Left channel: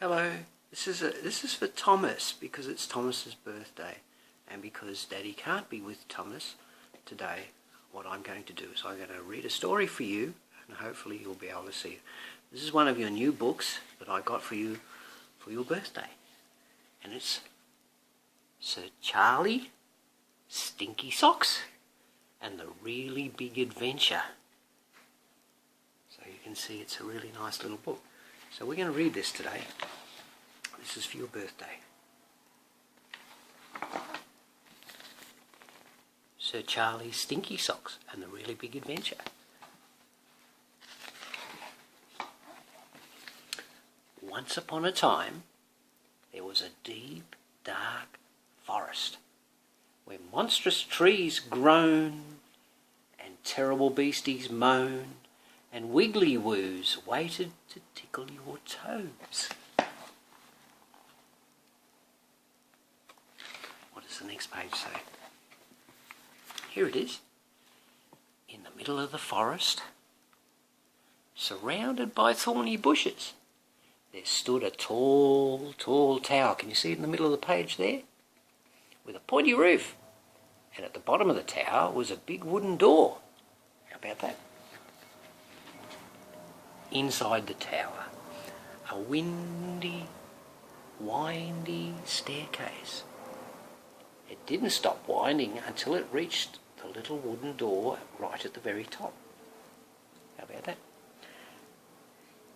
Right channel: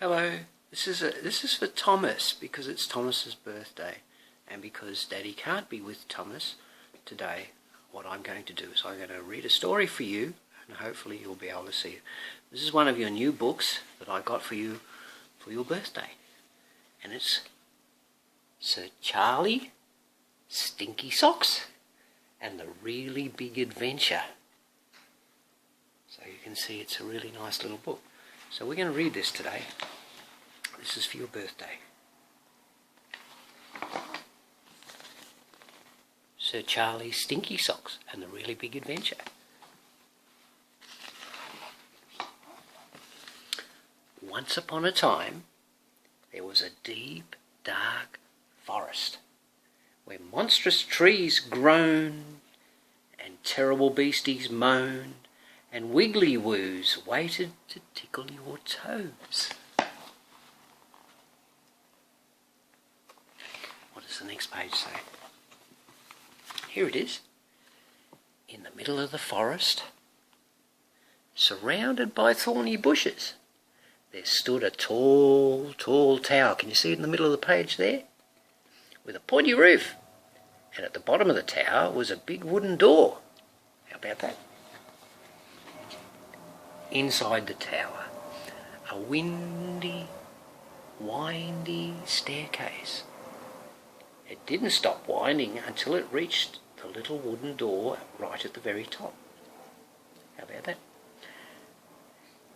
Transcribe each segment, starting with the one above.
Hello, this is for Thomas because it's Thomas's birthday, and because Daddy can't be with Thomas today. What I'm going to do is I'm going to read a story for you, and hopefully you'll be able to see it. This is one of your new books that I got for you for your birthday, and it's Sir Charlie, Stinky Sox, and the Really Big Adventure. So you can see it's a really nice little book. So we're going to read this today. This is for your birthday. Sir Charlie, Stinky Sox, and the Really Big Adventure. Once upon a time, there was a deep, dark forest where monstrous trees groaned and terrible beasties moaned and wiggly woos waited to tickle your toes. What does the next page say? Here it is. In the middle of the forest, surrounded by thorny bushes, there stood a tall, tall tower. Can you see it in the middle of the page there? With a pointy roof. And at the bottom of the tower was a big wooden door. How about that? Inside the tower, a windy, windy staircase. It didn't stop winding until it reached the little wooden door right at the very top. How about that?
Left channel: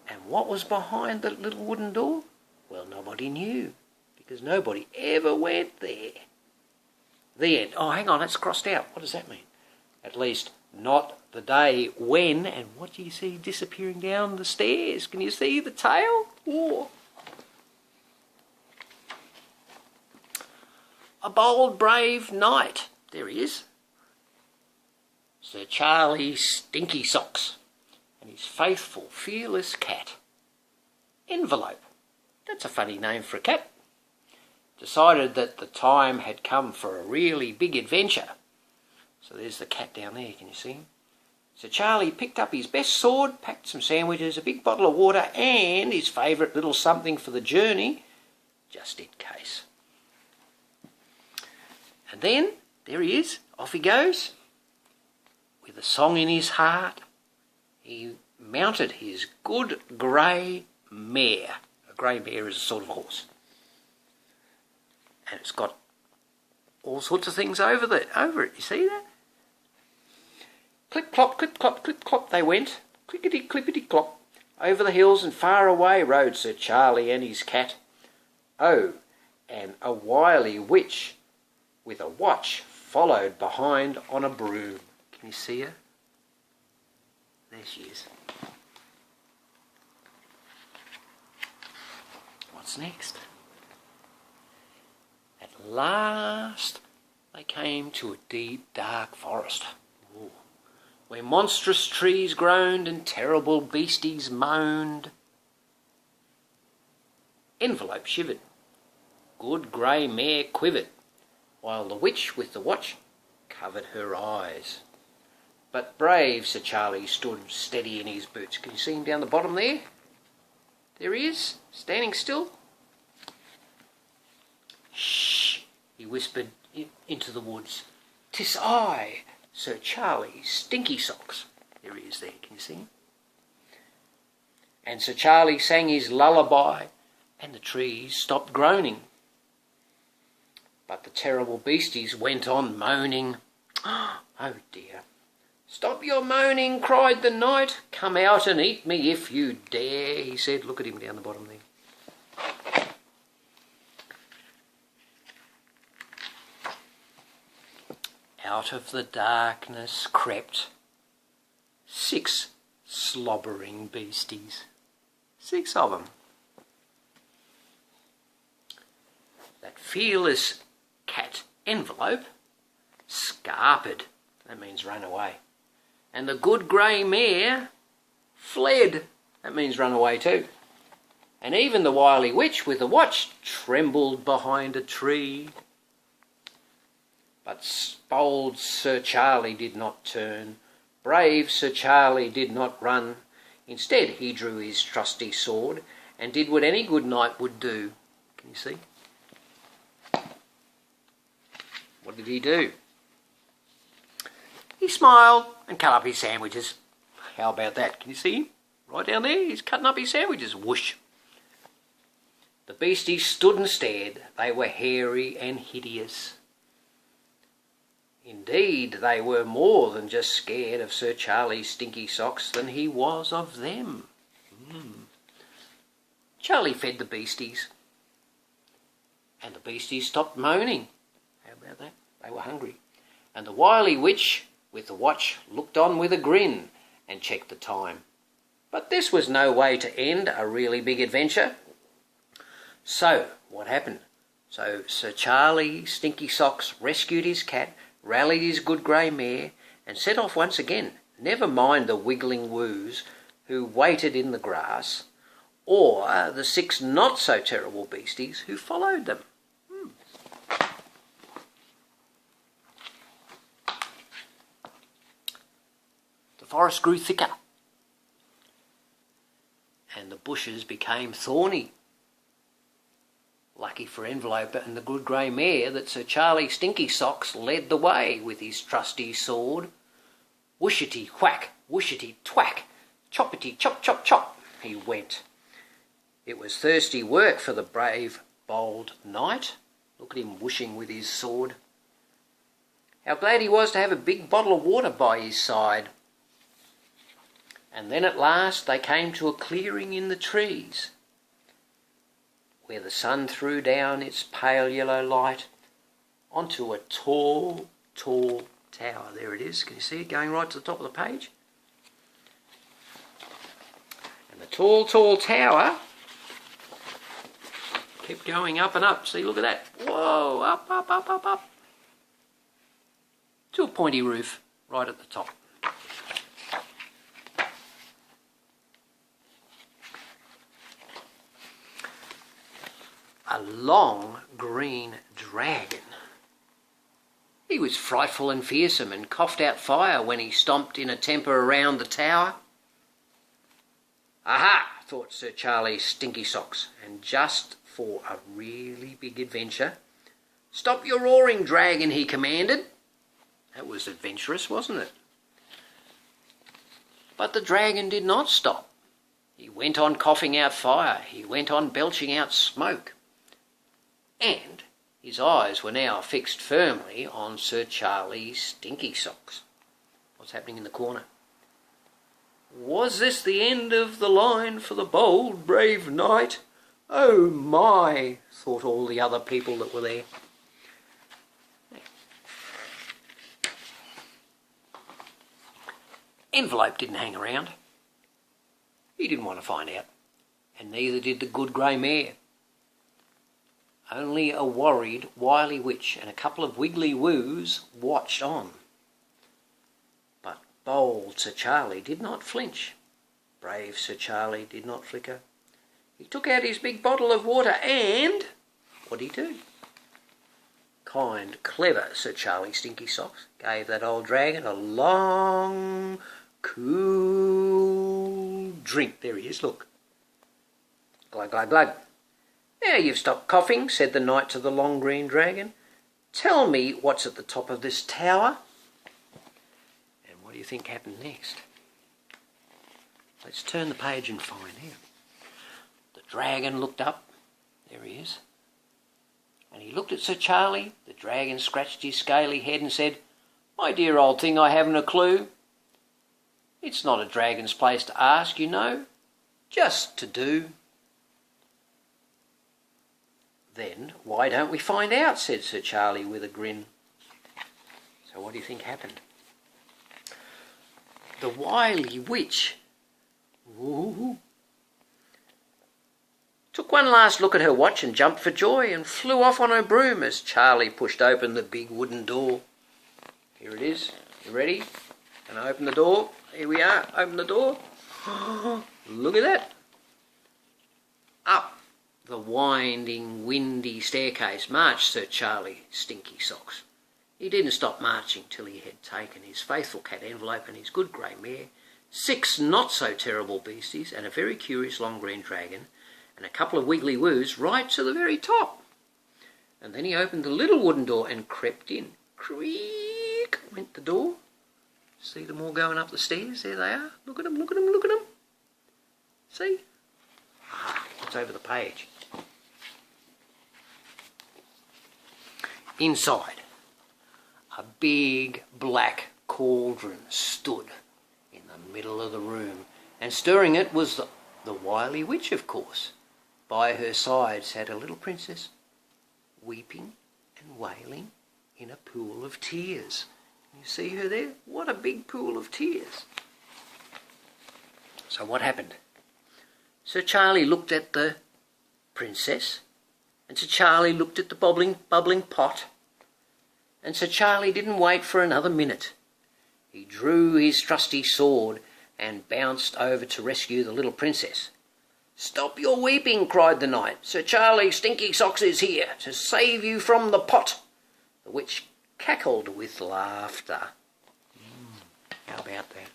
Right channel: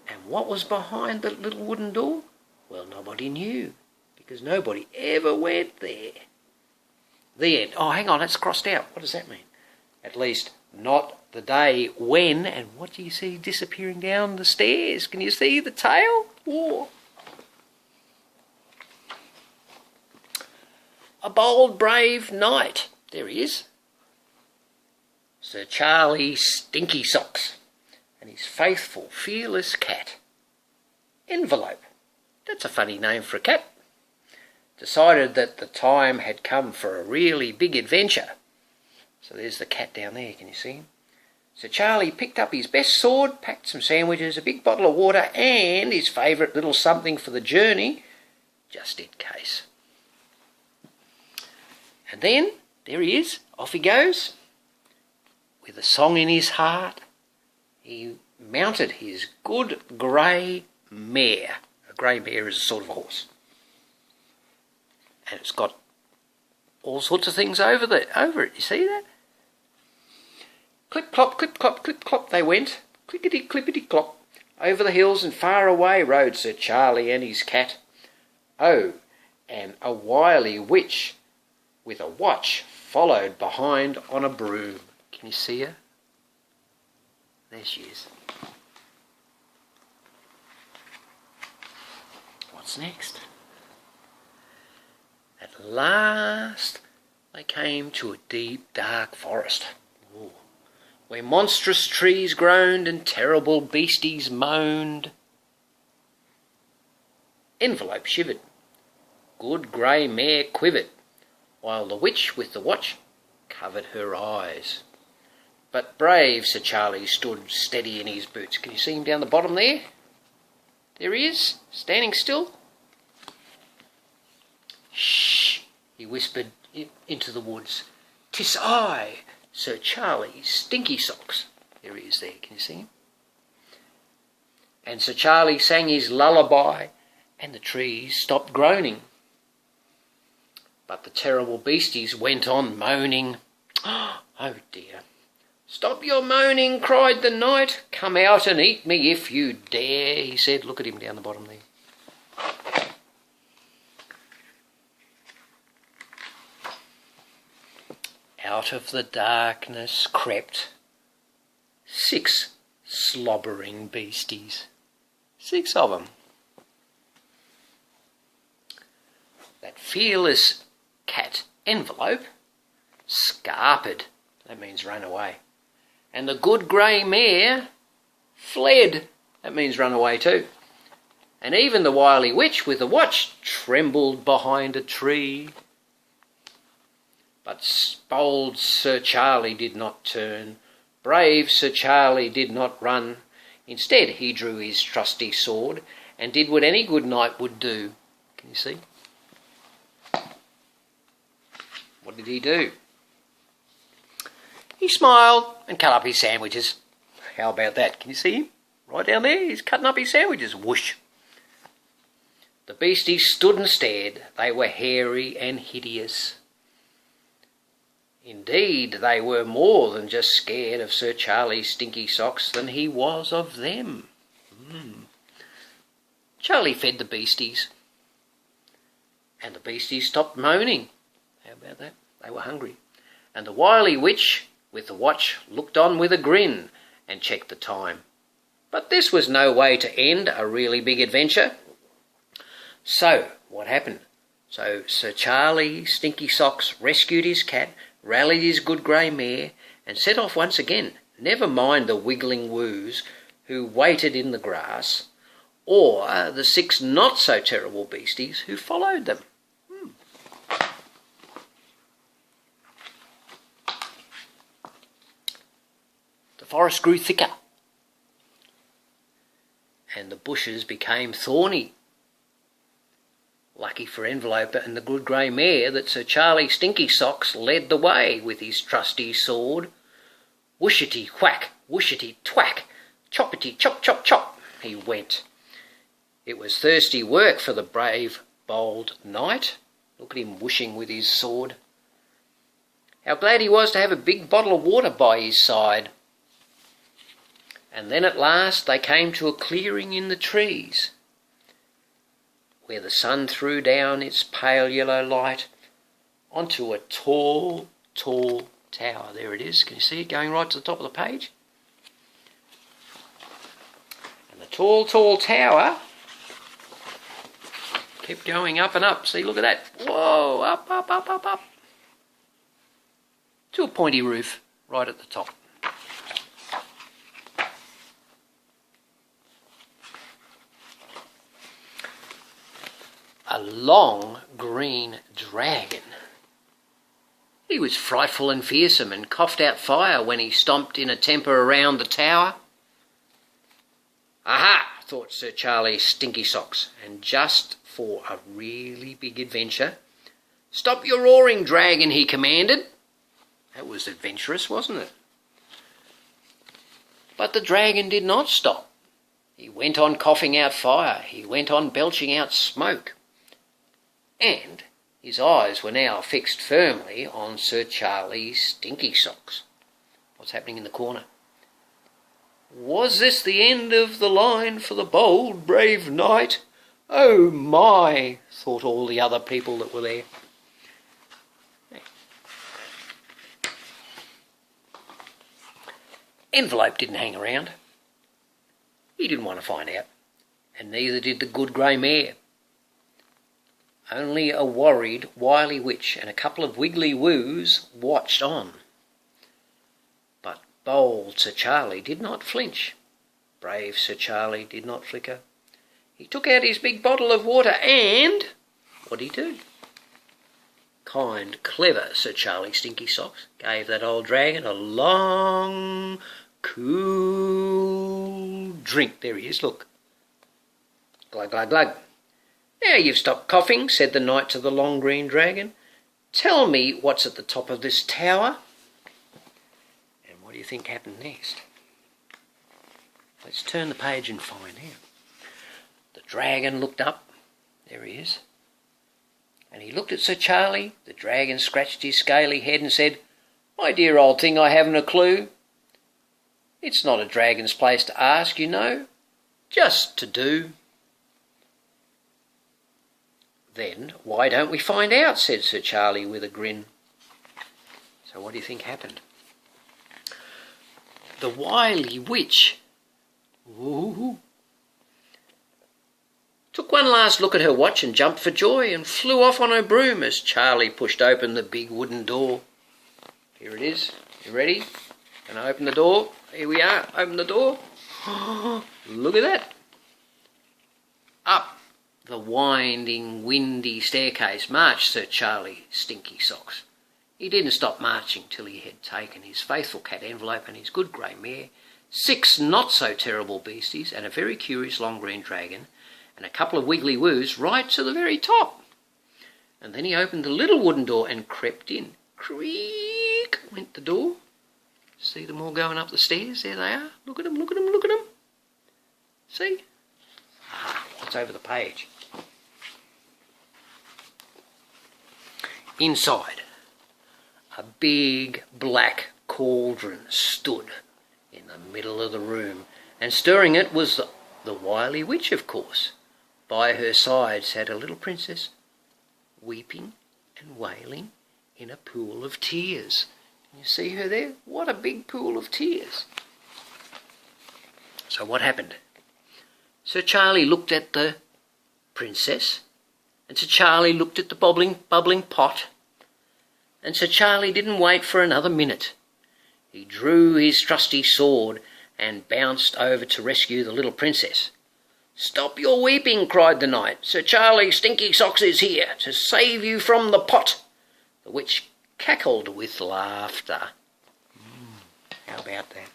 And what was behind the little wooden door? Well, nobody knew, because nobody ever went there. The end. Oh, hang on, it's crossed out. What does that mean? At least not the day when. And what do you see disappearing down the stairs? Can you see the tail? Whoa. A bold, brave knight. There he is. Sir Charlie, Stinky Sox, and his faithful, fearless cat. Envelope. That's a funny name for a cat. Decided that the time had come for a really big adventure. So there's the cat down there, can you see him? So Charlie picked up his best sword, packed some sandwiches, a big bottle of water, and his favourite little something for the journey, just in case. And then, there he is, off he goes. With a song in his heart, he mounted his good grey mare. A grey mare is a sort of horse. And it's got all sorts of things over it. You see that? Clip clop, clip clop, clip clop they went. Clickety clippity clop. Over the hills and far away rode Sir Charlie and his cat. Oh, and a wily witch with a watch followed behind on a broom. Can you see her? There she is. What's next? At last they came to a deep, dark forest, where monstrous trees groaned and terrible beasties moaned. Envelope shivered, good grey mare quivered, while the witch with the watch covered her eyes. But brave Sir Charlie stood steady in his boots. Can you see him down the bottom there? There he is, standing still. Shh, he whispered into the woods. 'Tis I, Sir Charlie, Stinky Sox. There he is there, can you see him? And Sir Charlie sang his lullaby, and the trees stopped groaning. But the terrible beasties went on moaning. Oh dear. Stop your moaning, cried the knight. Come out and eat me if you dare, he said. Look at him down the bottom there. Out of the darkness crept 6 slobbering beasties. 6 of them. That fearless cat Envelope scarpered. That means run away. And the good grey mare fled. That means run away too. And even the wily witch with the watch trembled behind a tree. But bold Sir Charlie did not turn. Brave Sir Charlie did not run. Instead, he drew his trusty sword and did what any good knight would do. Can you see? What did he do? He smiled and cut up his sandwiches. How about that? Can you see him? Right down there, he's cutting up his sandwiches. Whoosh. The beasties stood and stared. They were hairy and hideous. Indeed, they were more than just scared of Sir Charlie Stinky Sox than he was of them. Charlie fed the beasties, and the beasties stopped moaning. How about that? They were hungry. And the wily witch with the watch looked on with a grin and checked the time. But this was no way to end a really big adventure. So, what happened? So Sir Charlie Stinky Sox rescued his cat, rallied his good grey mare, and set off once again. Never mind the wiggling woos who waited in the grass, or the 6 not-so-terrible beasties who followed them. The forest grew thicker, and the bushes became thorny. Lucky for Envelope and the good grey mare that Sir Charlie Stinky Sox led the way with his trusty sword. Whooshity whack, whooshity twack, choppity chop chop chop, he went. It was thirsty work for the brave, bold knight. Look at him whooshing with his sword. How glad he was to have a big bottle of water by his side. And then at last they came to a clearing in the trees, where the sun threw down its pale yellow light onto a tall, tall tower. There it is. Can you see it going right to the top of the page? And the tall, tall tower kept going up and up. See, look at that. Whoa, up, up, up, up, up. To a pointy roof right at the top. A long green dragon. He was frightful and fearsome and coughed out fire when he stomped in a temper around the tower. Aha, thought Sir Charlie Stinky Sox, and just for a really big adventure. Stop your roaring, dragon, he commanded. That was adventurous, wasn't it? But the dragon did not stop. He went on coughing out fire. He went on belching out smoke. And his eyes were now fixed firmly on Sir Charlie Stinky Sox. What's happening in the corner? Was this the end of the line for the bold, brave knight? Oh my, thought all the other people that were there. Envelope didn't hang around. He didn't want to find out, and neither did the good grey mare. Only a worried, wily witch and a couple of wiggly woos watched on. But bold Sir Charlie did not flinch. Brave Sir Charlie did not flicker. He took out his big bottle of water and... what did he do? Kind, clever Sir Charlie Stinky Sox gave that old dragon a long, cool drink. There he is, look. Glug, glug, glug. Now you've stopped coughing, said the knight to the long green dragon. Tell me what's at the top of this tower. And what do you think happened next? Let's turn the page and find out. The dragon looked up. There he is. And he looked at Sir Charlie. The dragon scratched his scaly head and said, My dear old thing, I haven't a clue. It's not a dragon's place to ask, you know. Just to do. Then, why don't we find out, said Sir Charlie with a grin. So what do you think happened? The wily witch took one last look at her watch and jumped for joy and flew off on her broom as Charlie pushed open the big wooden door. Here it is. You ready? Can I open the door? Here we are. Open the door. Look at that. Up the winding, windy staircase marched Sir Charlie Stinky Sox. He didn't stop marching till he had taken his faithful cat Envelope and his good grey mare, 6 not-so-terrible beasties and a very curious long green dragon, and a couple of wiggly woos right to the very top. And then he opened the little wooden door and crept in. Creak went the door. See them all going up the stairs? There they are. Look at them, look at them, look at them. See? It's over the page. Inside, a big black cauldron stood in the middle of the room, and stirring it was the wily witch, of course. By her side sat a little princess, weeping and wailing in a pool of tears. You see her there? What a big pool of tears. So what happened? Sir Charlie looked at the princess, and Sir Charlie looked at the bubbling pot, and Sir Charlie didn't wait for another minute. He drew his trusty sword and bounced over to rescue the little princess. "Stop your weeping," cried the knight. "Sir Charlie Stinky Sox is here to save you from the pot." The witch cackled with laughter. How about that?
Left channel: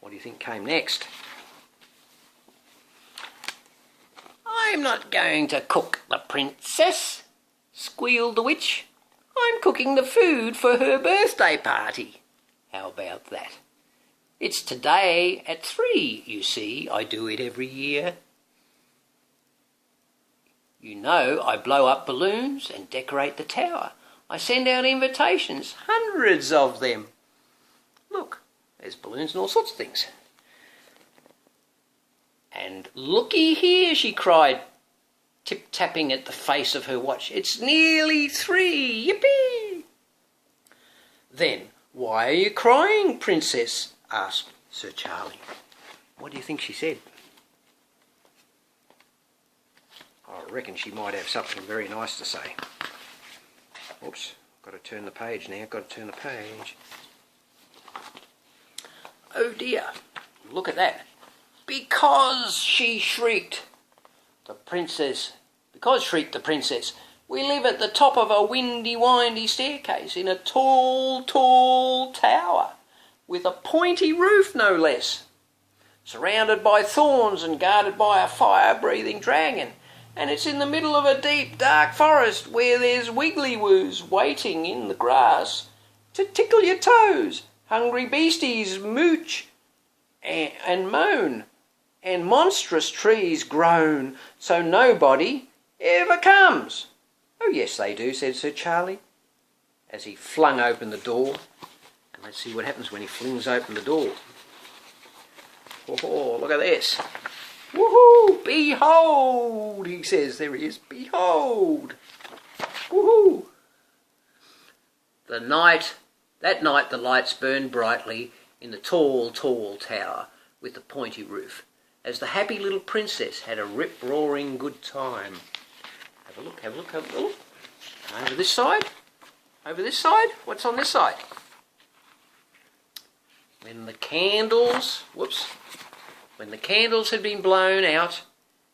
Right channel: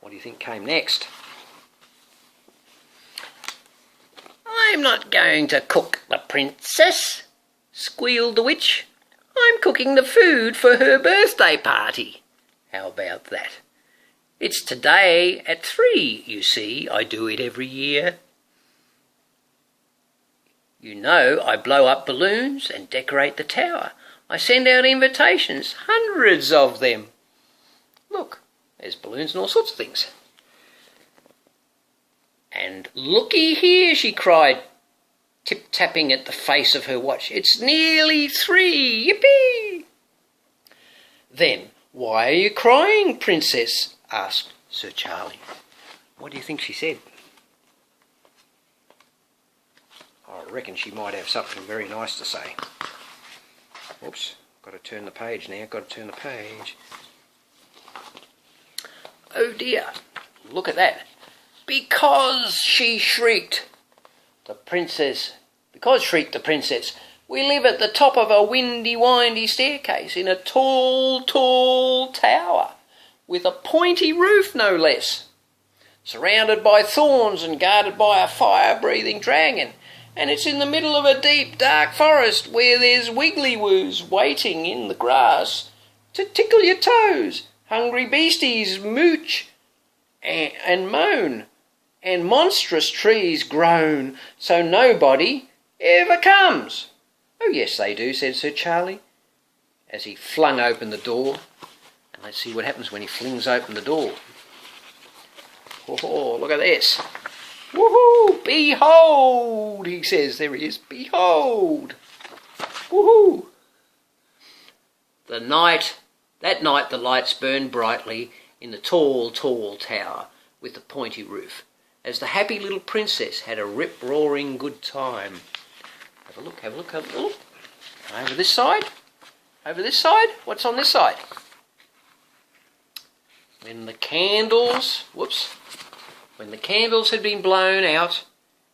What do you think came next? "I'm not going to cook the princess," squealed the witch. "I'm cooking the food for her birthday party." How about that? "It's today at 3, you see. I do it every year. You know I blow up balloons and decorate the tower. I send out invitations, hundreds of them. Look, there's balloons and all sorts of things." "And looky here," she cried, tip-tapping at the face of her watch. "It's nearly 3, yippee!" "Then why are you crying, princess?" asked Sir Charlie. What do you think she said? I reckon she might have something very nice to say. Oops, got to turn the page now, got to turn the page. Oh dear, look at that. "Because," she shrieked, because shrieked the princess, "we live at the top of a windy staircase in a tall tower, with a pointy roof no less, surrounded by thorns and guarded by a fire-breathing dragon. And it's in the middle of a deep, dark forest where there's wiggly-woos waiting in the grass to tickle your toes. Hungry beasties mooch and moan, and monstrous trees groan, so nobody ever comes." "Oh, yes, they do," said Sir Charlie, as he flung open the door. And let's see what happens when he flings open the door. Oh, look at this. "Woohoo! Behold!" he says. There he is. "Behold! Woohoo!" That night the lights burned brightly in the tall tower with the pointy roof, as the happy little princess had a rip-roaring good time. Have a look, have a look, have a look. Over this side. Over this side. What's on this side? When the candles had been blown out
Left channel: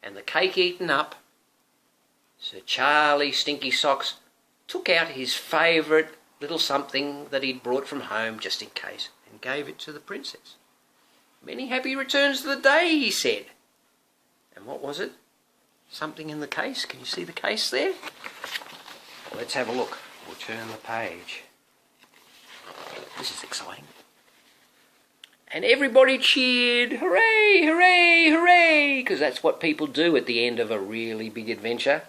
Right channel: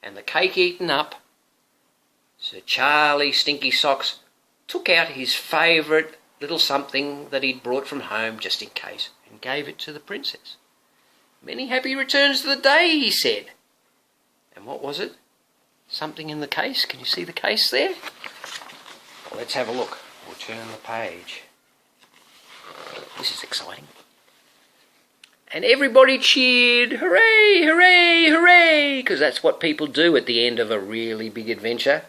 and the cake eaten up, Sir Charlie Stinky Sox took out his favourite little something that he'd brought from home just in case and gave it to the princess. "Many happy returns of the day," he said. And what was it? Something in the case. Can you see the case there? Well, let's have a look. We'll turn the page. This is exciting. And everybody cheered, "Hooray, hooray, hooray," because that's what people do at the end of a really big adventure.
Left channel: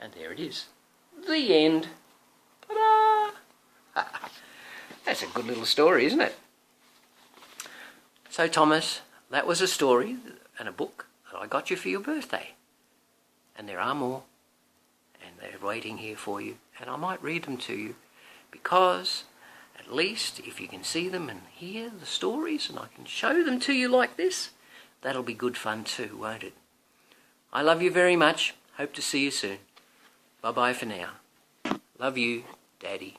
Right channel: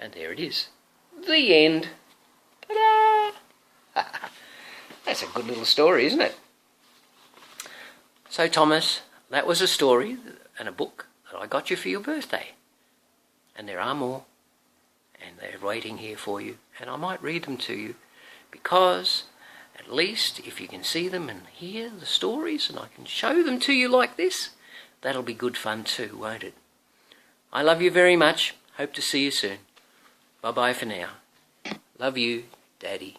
And there it is. The end. Ta-da! That's a good little story, isn't it? So, Thomas, that was a story and a book that I got you for your birthday. And there are more. And they're waiting here for you. And I might read them to you because at least if you can see them and hear the stories and I can show them to you like this, that'll be good fun too, won't it? I love you very much. Hope to see you soon. Bye-bye for now. Love you, Daddy.